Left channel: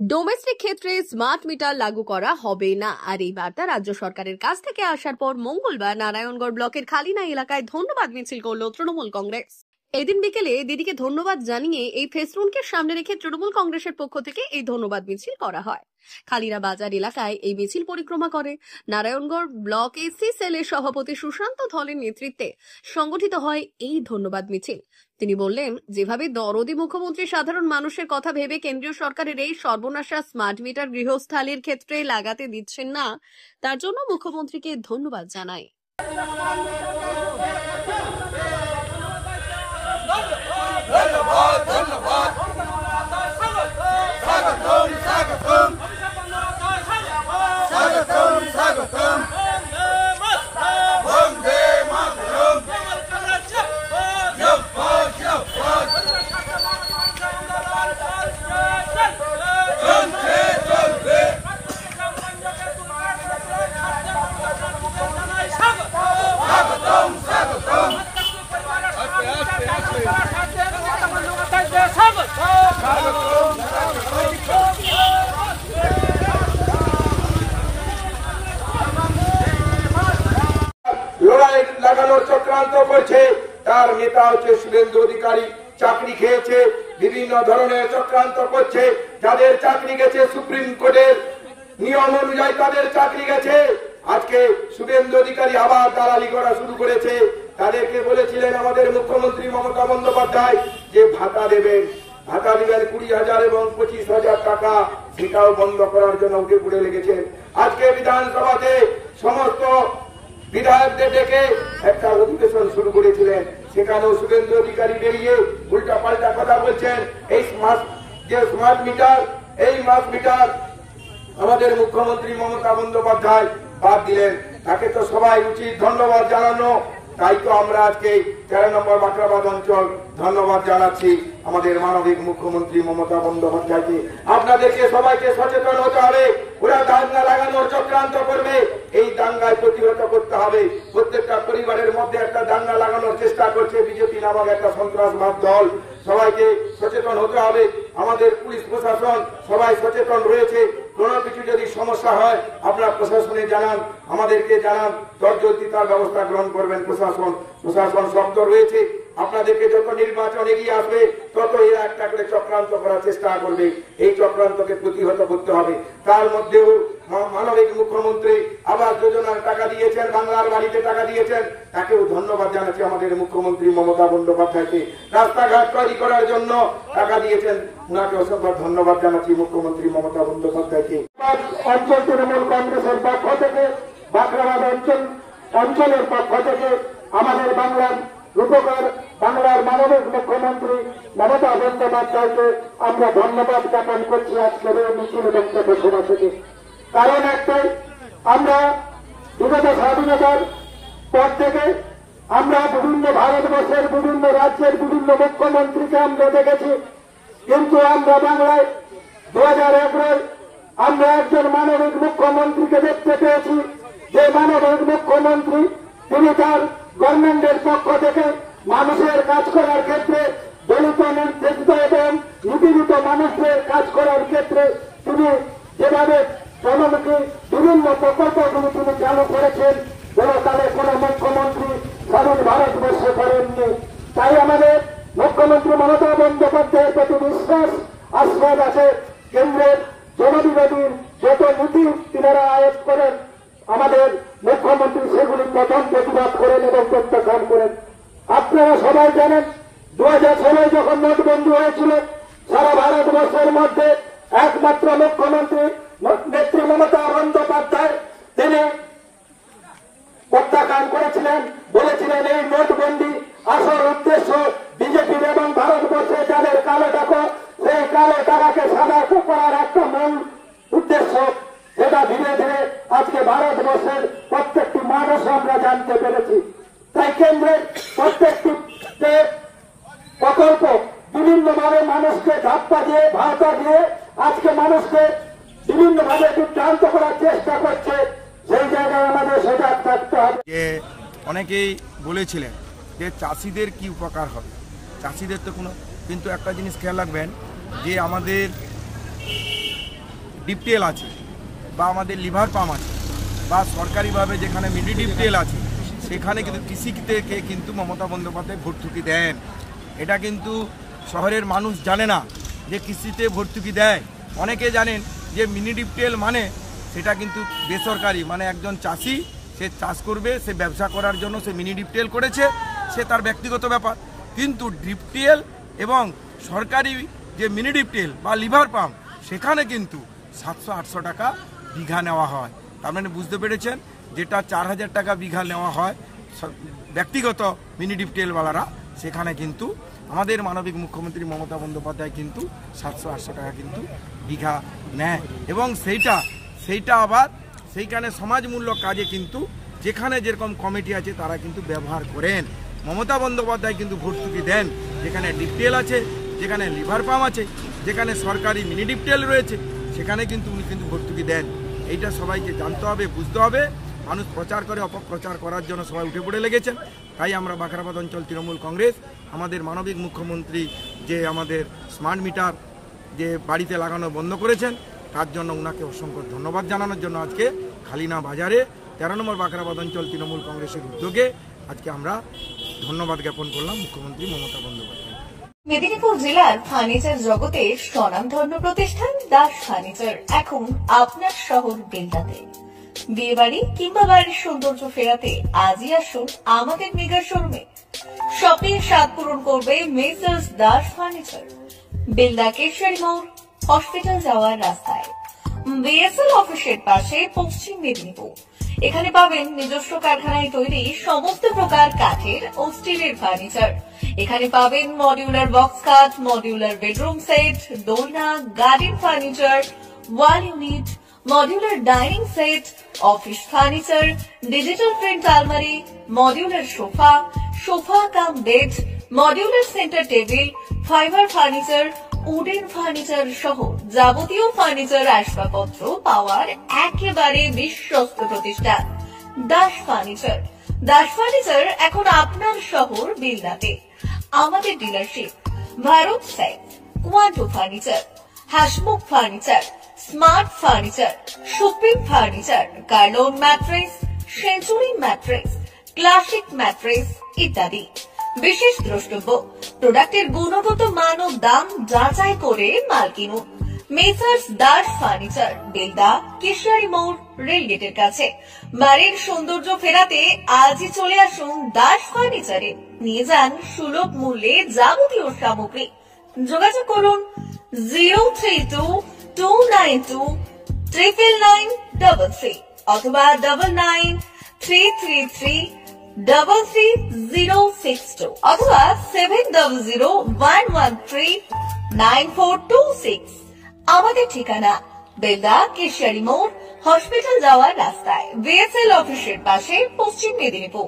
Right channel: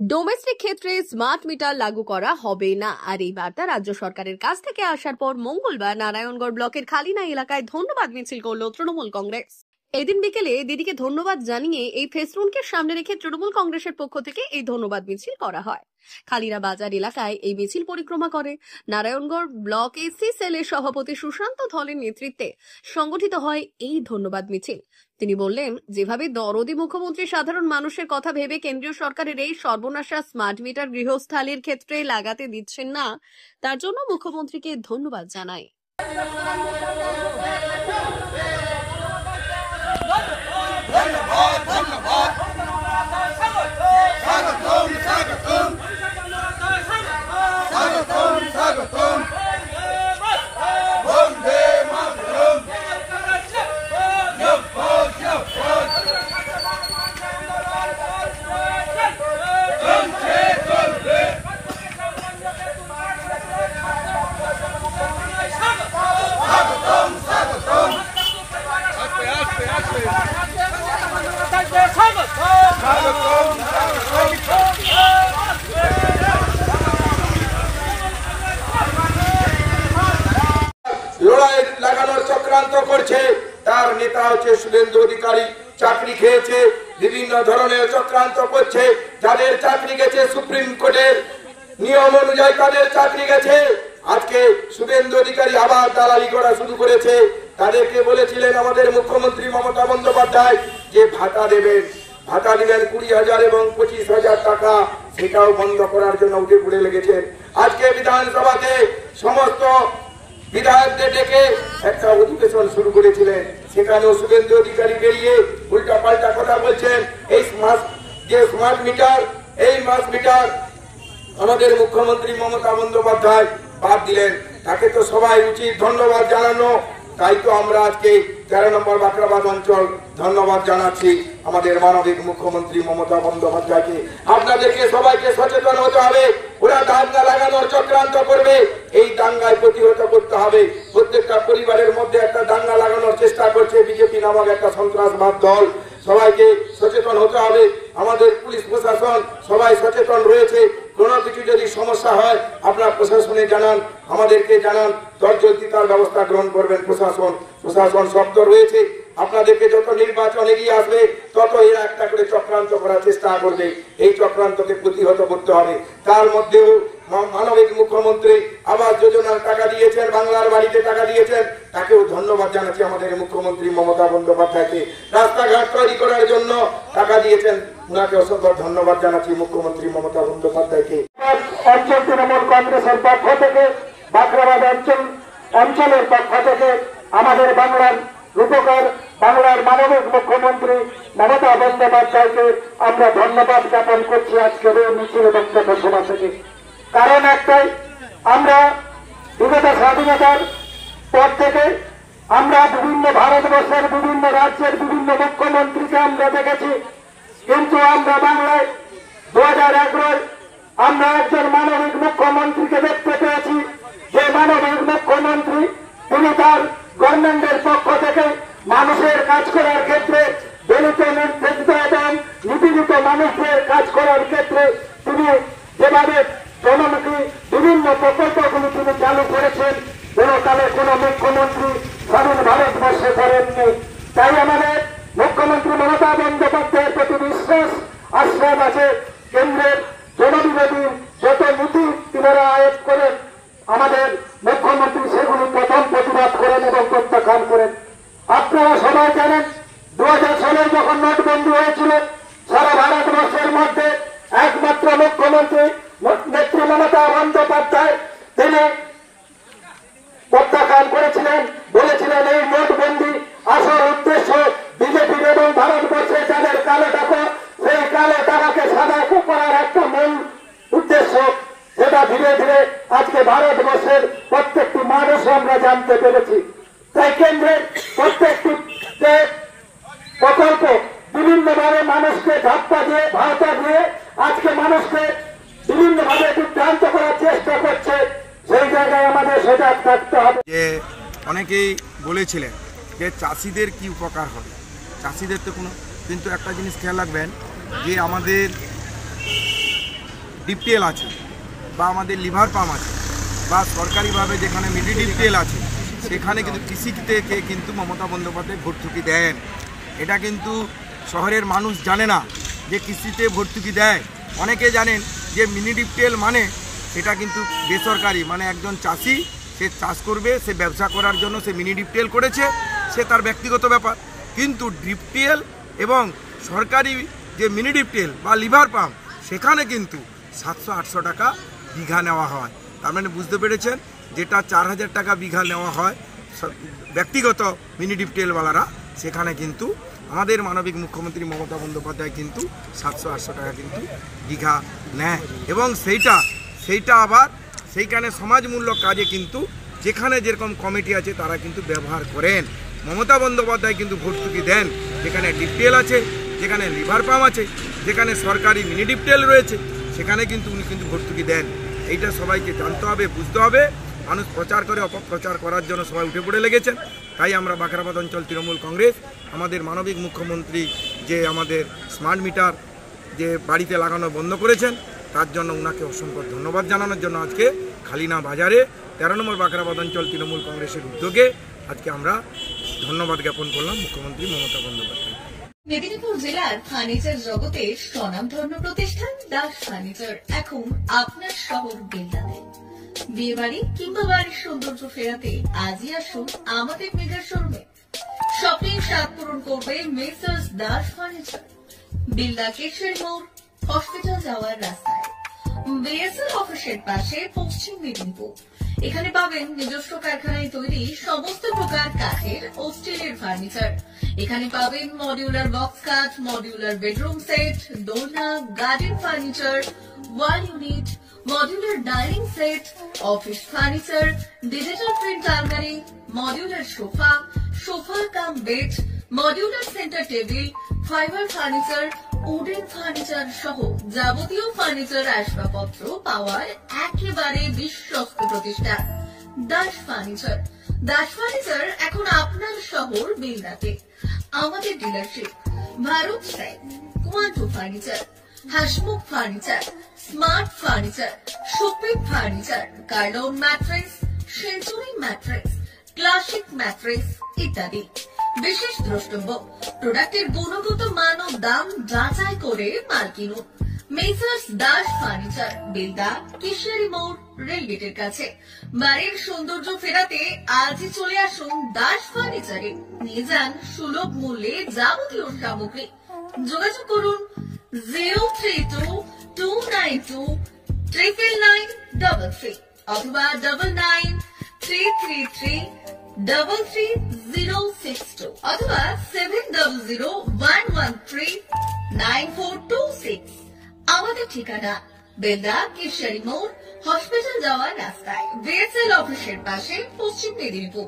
Domestic ক্ষেত্রে smart meter লাগু করা হবে না। আর এই বার্তা রাজ্য সরকারের কাছ থেকে আসার পর মঙ্গলবার নারায়ণগড় ব্লকের খালিনা এলাকায় ধন্যবাদ মিছিল করল তৃণমূল কংগ্রেস। এদিন বিকেলে দিদিকে ধন্যবাদ জানিয়ে এই ফেস্টুনকে সামনে রেখে তৃণমূল কংগ্রেসের পক্ষ থেকে এই ধন্যবাদ মিছিল করা হয়। খালিনা বাজার এলাকায় এই মিছিল পরিক্রমা করে নারায়ণগড় ব্লক এসসি সেলের সভাপতি সুশান্ত ধলের নেতৃত্বে সংগঠিত হয় এই ধন্যবাদ মিছিল। তিনি বললেন, যেভাবে দরদি মুখ্যমন্ত্রী সাধারণ মানুষের কথা ভেবে কেন্দ্রীয় সরকারের এই সর্বনাশা স্মার্ট মিটার গৃহস্থালির ক্ষেত্রে লাগাতে দিচ্ছেন না, তার জন্য মুখ্যমন্ত্রীকে ধন্যবাদ জানাই। লড়াই লাগানোর চক্রান্ত করছে, তার নেতা হচ্ছে শুভেন্দু অধিকারী। চাকরি খেয়েছে, বিভিন্ন ধরনের চক্রান্ত করছে। যাদের চাকরি গেছে সুপ্রিম কোর্টের নিয়ম অনুযায়ী তাদের চাকরি গেছে, আজকে শুভেন্দু অধিকারী আবার দালালি করা শুরু করেছে। তাদেরকে বলেছিলেন আমাদের মুখ্যমন্ত্রী মমতা বন্দ্যোপাধ্যায় যে ভাতা দিবেন 20,000 এবং 25,000 টাকা, সেটাও বন্ধ করার জন্য উঠে পড়ে লেগেছেন। আজকে বিধানসভাতে সমস্ত বিধায়কদের ডেকে একটা অধিবেশন শুরু করেছিলেন, সেখানেও শুভেন্দু অধিকারী বেরিয়ে উল্টা পাল্টা কথা বলছেন। এই স্মার্ট মিটার আমাদের মুখ্যমন্ত্রী মমতা বন্দ্যোপাধ্যায় বাদ দিলেন, তাকে তো সবাই উচিত ধন্যবাদ জানানো। তাই তো আমরা আজকে 13 নম্বর বাকরাবাদ অঞ্চল ধন্যবাদ জানাচ্ছি আমাদের মানবিক মুখ্যমন্ত্রী মমতা বন্দ্যোপাধ্যায়কে। আপনাদেরকে সবাইকে সচেতন হতে হবে। ওরা দাঙ্গা লাগানোর চক্রান্ত করবে, এই দাঙ্গায় প্রতিহত করতে হবে। প্রত্যেকটা পরিবারের মধ্যে একটা দাঙ্গা লাগানোর চেষ্টা করছে বিজেপি নামক একটা সন্ত্রাসবাদ দল। সবাইকে সচেতন হতে হবে। আমাদের পুলিশ প্রশাসন সবাই সচেতন রয়েছে। কোনো কিছু যদি সমস্যা হয় আপনারা প্রশাসনে জানান, আমাদেরকে জানান, তৎজলদি তার ব্যবস্থা গ্রহণ করবেন প্রশাসন শব্দ রয়েছে। আপনাদেরকে যত নির্বাচন এগিয়ে আসবে তত এরা একটা করে চক্রান্ত করার চেষ্টা করবে। এই চক্রান্তকে প্রতিহত করতে হবে। তার মধ্যেও মানবিক মুখ্যমন্ত্রী আবাস যোজনার টাকা দিয়েছেন, বাংলার বাড়িতে টাকা দিয়েছেন, তাকেও ধন্যবাদ জানাচ্ছি আমাদের মুখ্যমন্ত্রী মমতা বন্দ্যোপাধ্যায়কে। রাস্তাঘাট তৈরি করার জন্য টাকা দিয়েছেন, উনাকে অসংখ্য ধন্যবাদ জানাচ্ছি মুখ্যমন্ত্রী মমতা বন্দ্যোপাধ্যায়কে। অঞ্চল তৃণমূল কংগ্রেসের পক্ষ থেকে, বাকরাবাদ অঞ্চলের পক্ষ থেকে আমাদের বাংলার রূপকার, বাংলার মানবিক মুখ্যমন্ত্রী মমতা বন্দ্যোপাধ্যায়কে আমরা ধন্যবাদ জ্ঞাপন করছি আজকের এই মিছিল এবং পথসভা থেকে। কারণ একটাই, আমরা বিগত স্বাধীনতার পর থেকে আমরা বিভিন্ন ভারতবর্ষের বিভিন্ন রাজ্যের বিভিন্ন মুখ্যমন্ত্রীকে আমরা দেখেছি, কিন্তু আমরা বাংলায় 2011 আমরা একজন মানবিক মুখ্যমন্ত্রীকে দেখতে পেয়েছি, যে মানবিক মুখ্যমন্ত্রী তিনি তার গভর্নমেন্টের পক্ষ থেকে মানুষের কাজ করার ক্ষেত্রে, দলিত নির্যাতিত এবং নিপীড়িত মানুষের কাজ করার ক্ষেত্রে তিনি যেভাবে জনমুখী বিভিন্ন প্রকল্পগুলি তিনি চালু করেছেন, কোনকালে কোন মুখ্যমন্ত্রী স্বাধীন ভারতবর্ষে করেননি। তাই আমাদের মুখ্যমন্ত্রী মমতা বন্দ্যোপাধ্যায়ের প্রতি বিশ্বাস আশ্বাস আছে। কেন্দ্রের জনবিরোধী যত নীতি তিনারা আয়োগ করেন, আমাদের মুখ্যমন্ত্রী সেগুলি প্রথম প্রতিবাদ করেন এবং প্রত্যাখ্যান করেন। আপনারা সবাই জানেন, 2016 যখন নোটবন্দি হয়েছিল, সারা ভারতবর্ষের মধ্যে একমাত্র মুখ্যমন্ত্রী নেত্রী মমতা বন্দ্যোপাধ্যায় তিনি প্রত্যাখ্যান করেছিলেন, বলেছিলেন এই নোটবন্দি আসল উদ্দেশ্য বিজেপির এবং ভারতবর্ষে যাদের কালো টাকা, সেই কালো টাকাকে সাদা করার একটা মূল উদ্দেশ্য। সেটা ধীরে ধীরে আজকে ভারতবর্ষের প্রত্যেকটি মানুষ আমরা জানতে পেরেছি। তাই কেন্দ্রের প্রত্যেকটি প্রকল্প বিভিন্নভাবে মানুষকে ধাপ্পা দিয়ে ভাতা দিয়ে আজকে মানুষকে বিভিন্নভাবে বিভ্রান্ত করার চেষ্টা করছে। সেই জায়গায় আমাদের সজাগ থাকতে হবে। অনেকেই বলেছিলেন যে চাষিদের কি উপকার হবে, চাষিদের তো কোনো, কিন্তু একটা জিনিস খেয়াল রাখবেন যে আমাদের ডিপটিএল আছে বা আমাদের লিভার পাম্প আছে বা সরকারিভাবে যেখানে মিনি ডিপটিএল আছে সেখানে কিন্তু কৃষি থেকে কিন্তু মমতা বন্দ্যোপাধ্যায় ভর্তুকি দেন। এটা কিন্তু শহরের মানুষ জানে না যে কৃষিতে ভর্তুকি দেয়। অনেকে জানেন যে মিনি ডিপটিএল মানে এটা কিন্তু বেসরকারি, মানে একজন চাষি সে চাষ করবে, সে ব্যবসা করার জন্য সে মিনি ডিপটিএল করেছে, সে তার ব্যক্তিগত ব্যাপার। কিন্তু ডিপটিএল এবং সরকারি যে মিনি ডিপটিএল বা লিভার পাম্প সেখানে কিন্তু 700-800 টাকা বিঘা নেওয়া হয়। তার মানে বুঝতে পেরেছেন, যেটা 4000 টাকা বিঘা নেওয়া হয় ব্যক্তিগত মিনি ডিপটিএলওয়ালারা, সেখানে কিন্তু আমাদের মানবিক মুখ্যমন্ত্রী মমতা বন্দ্যোপাধ্যায় কিন্তু 700-800 টাকা কিন্তু বিঘা নেয়। এবং সেইটা আবার সেইখানে সমাজমূলক কাজে কিন্তু যেখানে যেরকম কমিটি আছে তারা কিন্তু ব্যবহার করেন। মমতা বন্দ্যোপাধ্যায় কিন্তু ভর্তুকি দেন যেখানে ডিপটিএল আছে, যেখানে লিভার পাম্প আছে, যেখানে সরকারি মিনি ডিপটিএল রয়েছে, সেখানে কিন্তু উনি কিন্তু ভর্তুকি দেন। এইটা সবাইকে জানতে হবে, বুঝতে হবে। মানুষ প্রচার করে অপপ্রচার করার জন্য সবাই উঠে পড়ে লেগেছেন। তাই আমরা বাখরাবাদ অঞ্চল তৃণমূল কংগ্রেস আমাদের মানবিক মুখ্যমন্ত্রী যে আমাদের স্মার্ট মিটার যে বাড়িতে লাগানো বন্ধ করেছেন তার জন্য ওনাকে অসংখ্য ধন্যবাদ জানানোর জন্য আজকে খালিনা বাজারে 13 নম্বর বাখরাবাদ অঞ্চল তৃণমূল কংগ্রেসের উদ্যোগে আজকে আমরা ধন্যবাদ জ্ঞাপন করলাম মুখ্যমন্ত্রী মমতা বন্দ্যোপাধ্যায়। মেদিনীপুর জেলার ফার্নিচার জগতের স্বনামধন্য প্রতিষ্ঠান দাস ফার্নিচার এখন আপনার শহর বেলদাতে। বিয়ে বাড়ি কিংবা বাড়ির সৌন্দর্য ফেরাতে আজই আসুন আমাদের মেগা শোরুমে। শপিং স্বাদ পূরণ করবে মেসার্স দাস ফার্নিচার, বেলদা কেশরী মোড়, হসপিটাল যাওয়ার রাস্তায়, বিএসএল অফিসের পাশে, পশ্চিম মেদিনীপুর। এখানে পাবেন নিজস্ব কারখানায় তৈরি সমস্ত প্রকার কাঠের ও স্টিলের ফার্নিচার। এখানে পাবেন modular box cut, modular bedroom set, দোলনা, garden furniture, wall unit, modular dining set, office furniture, digital print আলমারি, modular sofa cum bed, modular centre table, fibre furniture, wooden furniture সহ যাবতীয় ফার্নিচার আসবাবপত্র পাওয়ার একেবারে বিশ্বস্ত প্রতিষ্ঠান দাস ফার্নিচার। দাস ফার্নিচার এখন আপনার শহর বেলদাতে। আমাদের dealership Bharat site, Quanto furniture, Hasmukh furniture, smart furniture, supreme furniture, Kurlon mattress, century mattress, classic mattress ইত্যাদি। বিশেষ দ্রষ্টব্য, প্রোডাক্টের গুণগত মান ও দাম যাচাই করে মাল কিনুন। মেসার্স দাস ফার্নিচার, বেলদা কেশরী মোড়, রেলগেটের কাছে। বাড়ির সৌন্দর্য ফেরাতে আজই চলে আসুন দাস ফার্নিচারে। নিয়ে যান সুলভ মূল্যে যাবতীয় সামগ্রী। যোগাযোগ করুন 032-292-99933 অথবা 99-333-33062 অথবা 7001139426। আমাদের ঠিকানা বেলদা কেশরী মোড়, হসপিটাল যাওয়ার রাস্তায়, বিএসএল অফিসের পাশে, পশ্চিম মেদিনীপুর।